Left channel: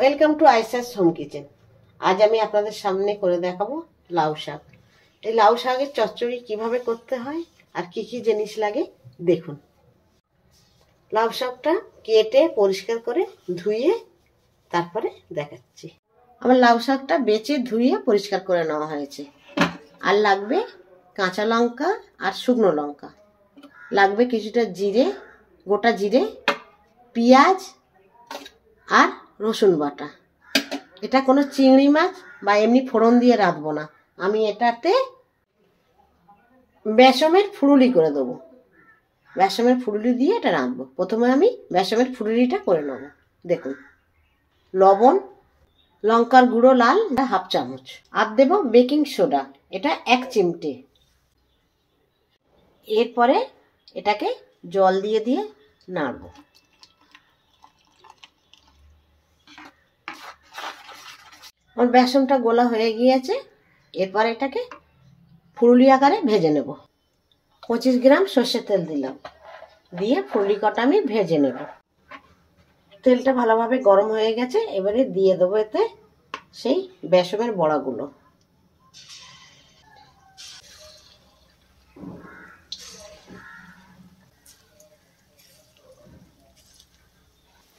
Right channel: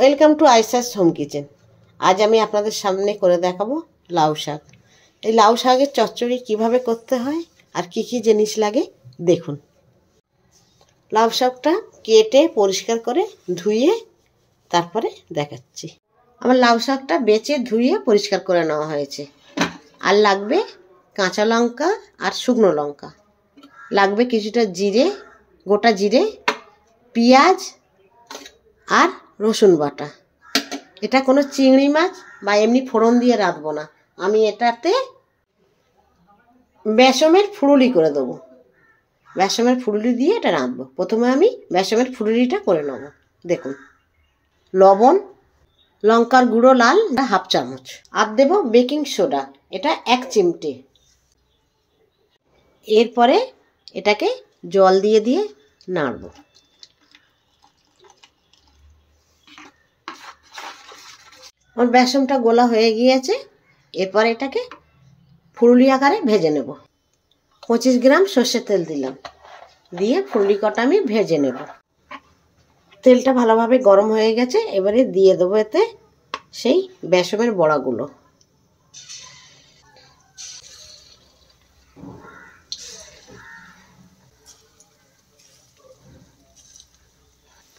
Welcome to আইসাস home kitchen. আজ আমি আপনাদের সামনে করে দেখাবো লাউ শাক। এই লাউ শাকের চচ্চড়ি কিভাবে করতে হয় আর কি কি জিনিস লাগে দেখুন। লাউ শাকটা কেটে পরিষ্কার করে ধুয়ে তারপরে দেখাচ্ছি। আমার লাউ শাকটা বেছে ধুয়ে পরিষ্কার করে নেওয়া হয়েছে। আর লাগবে কাঁচা লঙ্কা আর শুকনো লঙ্কা, লাগবে কিছুটা জিরে, গোটা জিরে, পেঁয়াজ আর রসুন বাটা। এটা কোনো চিংড়ি মাছ বা এমনি ফোড়ন দিয়ে রাঁধবো না, আমি এটাতে বেসমের ফুলুরি করে দেবো। বেসমের ফুলুরি দিয়ে এটা রাঁধবো। প্রথমে আমি বেসমের ফুলুরিটা করে নেব। দেখুন, লবণ, লঙ্কার গুঁড়ো লাল হাফ চামচ, আর দেব বেকিং সোডা, এটা 1 চিমটে। এরপরে এটাকে জল দিয়ে দিয়ে নাড়বো। আমার বেসনটা গোলা হয়ে গিয়েছে। এরপর এটাকে ফুলুরি আকারে ভেজে নেব। 25 গ্রাম সর্ষের তেল দিলাম, দিয়ে ফুলুরি কটা আমি ভেজে নেব। তেলটা ভালোভাবে গরম হয়ে গেছে। এবারে দিয়ে দেবো এতে সেই বেসমের বড়াগুলো।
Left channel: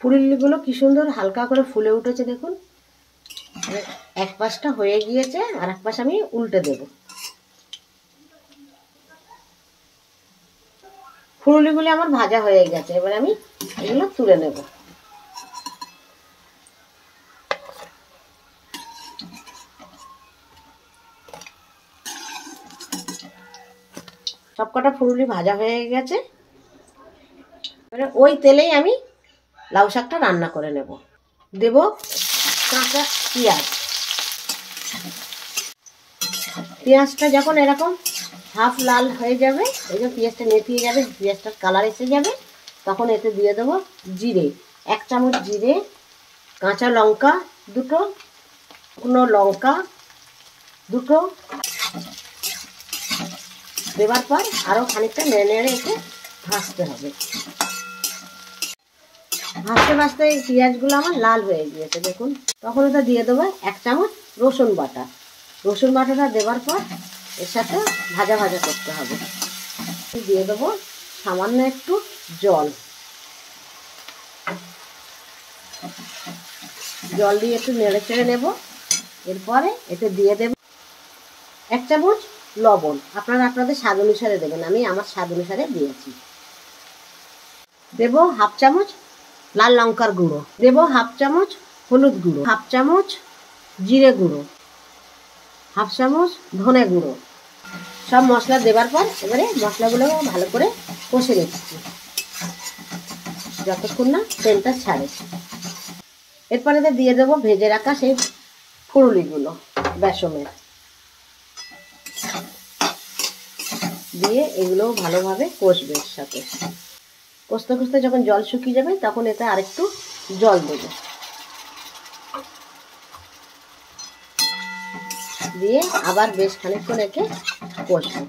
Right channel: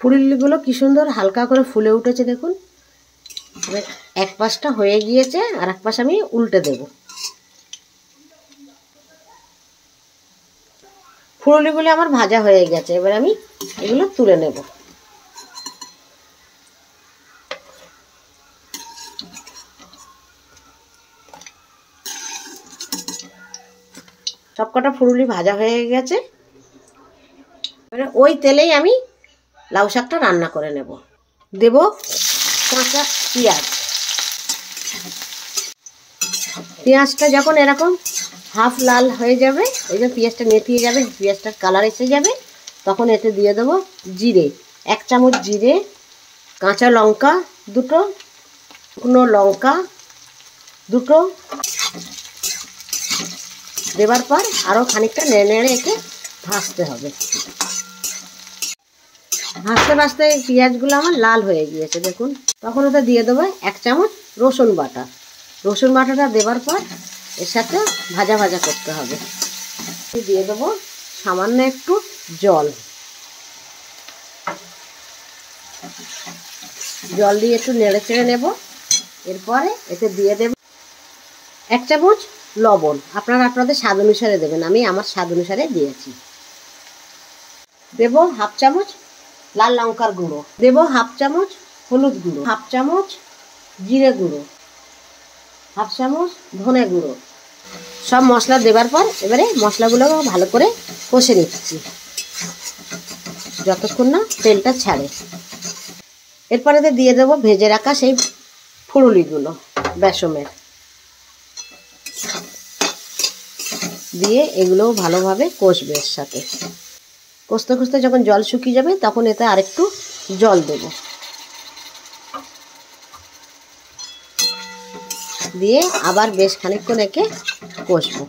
ফুলুরিগুলো কি সুন্দর হালকা করে ফুলে উঠেছে দেখুন। এক পাশটা হয়ে গিয়েছে, আর এক পাশ আমি উল্টে দেব। ফুলুরিগুলো আমার ভাজা হয়ে গেছে। এবার আমি এগুলো তুলে নেব। সবকটা ফুলুরি ভাজা হয়ে গেছে। এবারে ওই তেলেই আমি লাউ শাকটা রান্না করে নেব। দেব কাঁচা পেঁয়াজ। পেঁয়াজটা যখন এরকম হাফ লাল হয়ে যাবে, এই যে পেঁয়াজটা নেতিয়ে যাবে, পেঁয়াজটার কালার এসে যাবে, তখন এতে দিয়ে দেবো জিরে, 1 চামচ জিরে, কাঁচা লঙ্কা দুটো, শুকনো লঙ্কা দুটো দেওয়ার পর আরও খানিকটা নেড়ে নেড়ে এতে ভাজতে হবে। ভাজতে ভাজতে এই পেঁয়াজগুলো আমার লাল হয়ে গিয়েছে দেখুন। তখন ওটা দিয়ে দেবো 1 চামচ রসুন বাটা। রসুন বাটাটা দেওয়ার পর এর সাথে ভাজা ভাজা করতে হবে। দিয়ে দেবো সামান্য একটু জল। জল দিয়ে একটু নেড়ে চেড়ে নেব। এরপরে এতে দিয়ে দেব 1 চামচ লবণ। আপনারা আপনাদের স্বাদ অনুসারে দেবেন, আমি আমার স্বাদ অনুসারে দিয়েছি। দেব হাফ চামচ লাল লঙ্কার গুঁড়ো, দেব হাফ চামচ হলুদ গুঁড়ো, হাফ চামচ জিরে গুঁড়ো, হাফ চামচ ধনে গুঁড়ো। সব মশলা দেবার পর এবারে মশলাগুলো ভালো করে কষে নিচ্ছি যতক্ষণ না তেলটা ছাড়ে। এরপরে দিয়ে দেবো ভেজে রাখা সেই ফুলুরিগুলো বেসমের, দিয়ে এগুলোও ভালোভাবে কষবে। এর সাথে কষতে কষতে যখন জল শুকিয়ে যাবে তখন এতে আরেকটু জল দেব, দিয়ে আবার বেশ খানিকক্ষণ একে কষবো।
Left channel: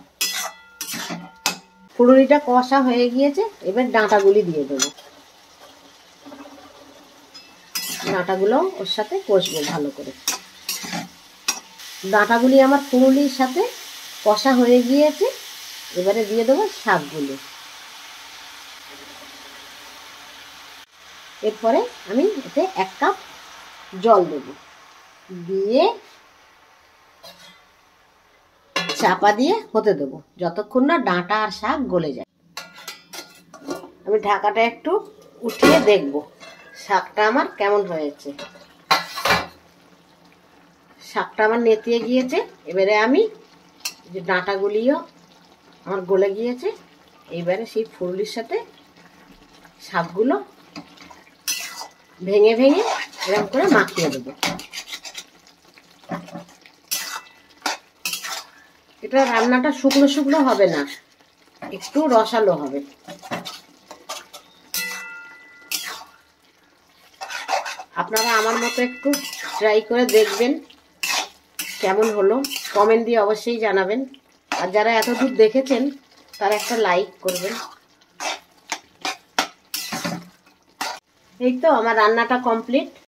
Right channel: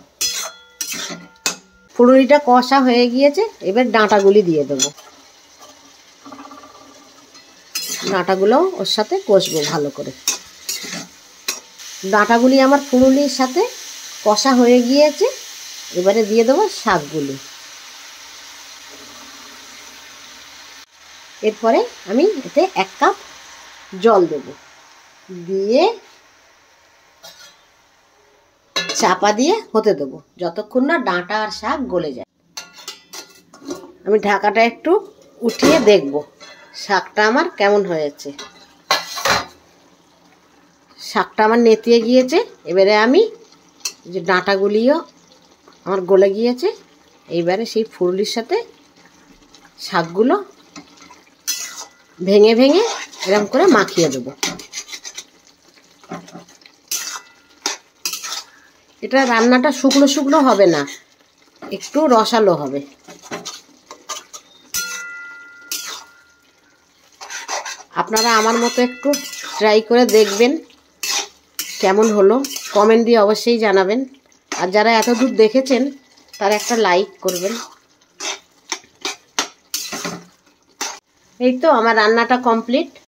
ফুলুরিটা কষা হয়ে গিয়েছে। এবার ডাঁটাগুলি দিয়ে দেবো। ডাঁটাগুলো ওর সাথে কষবো ভালো করে। ডাঁটাগুলি আমার ফুলুরির সাথে কষা হয়ে গিয়েছে। এবারে দিয়ে দেবো শাকগুলি। এরপরে আমি এতে 1 কাপ জল দেব, দিয়ে চাপা দিয়ে হতে দেবো যতক্ষণ না ডাঁটা আর শাক গলে যায়। আমি ঢাকাটা একটু উঠিয়ে দেখব শাকটা আমার কেমন হয়েছে। শাকটা আমার নেতিয়ে গিয়েছে। এবারে আমি যে ডাঁটাগুলিও আমার গলে গিয়েছে, এইবারে সেই ফুলুরির সাথে শাকগুলো ভেঙে ভেঙে এরকম করে মাখিয়ে দেবো। এটা রান্নাটা শুকনো শুকনো হবে না, একটু রসালো হবে। আপনারা আমার মতো একটু ট্রাই করে দেখবেন কেমন হলো, কমেন্ট দিয়ে অবশ্যই জানাবেন। আর যারা এতদূর দেখেছেন তারা একটা লাইক করবেন। এই তো আমার রান্নাটা কমপ্লিট।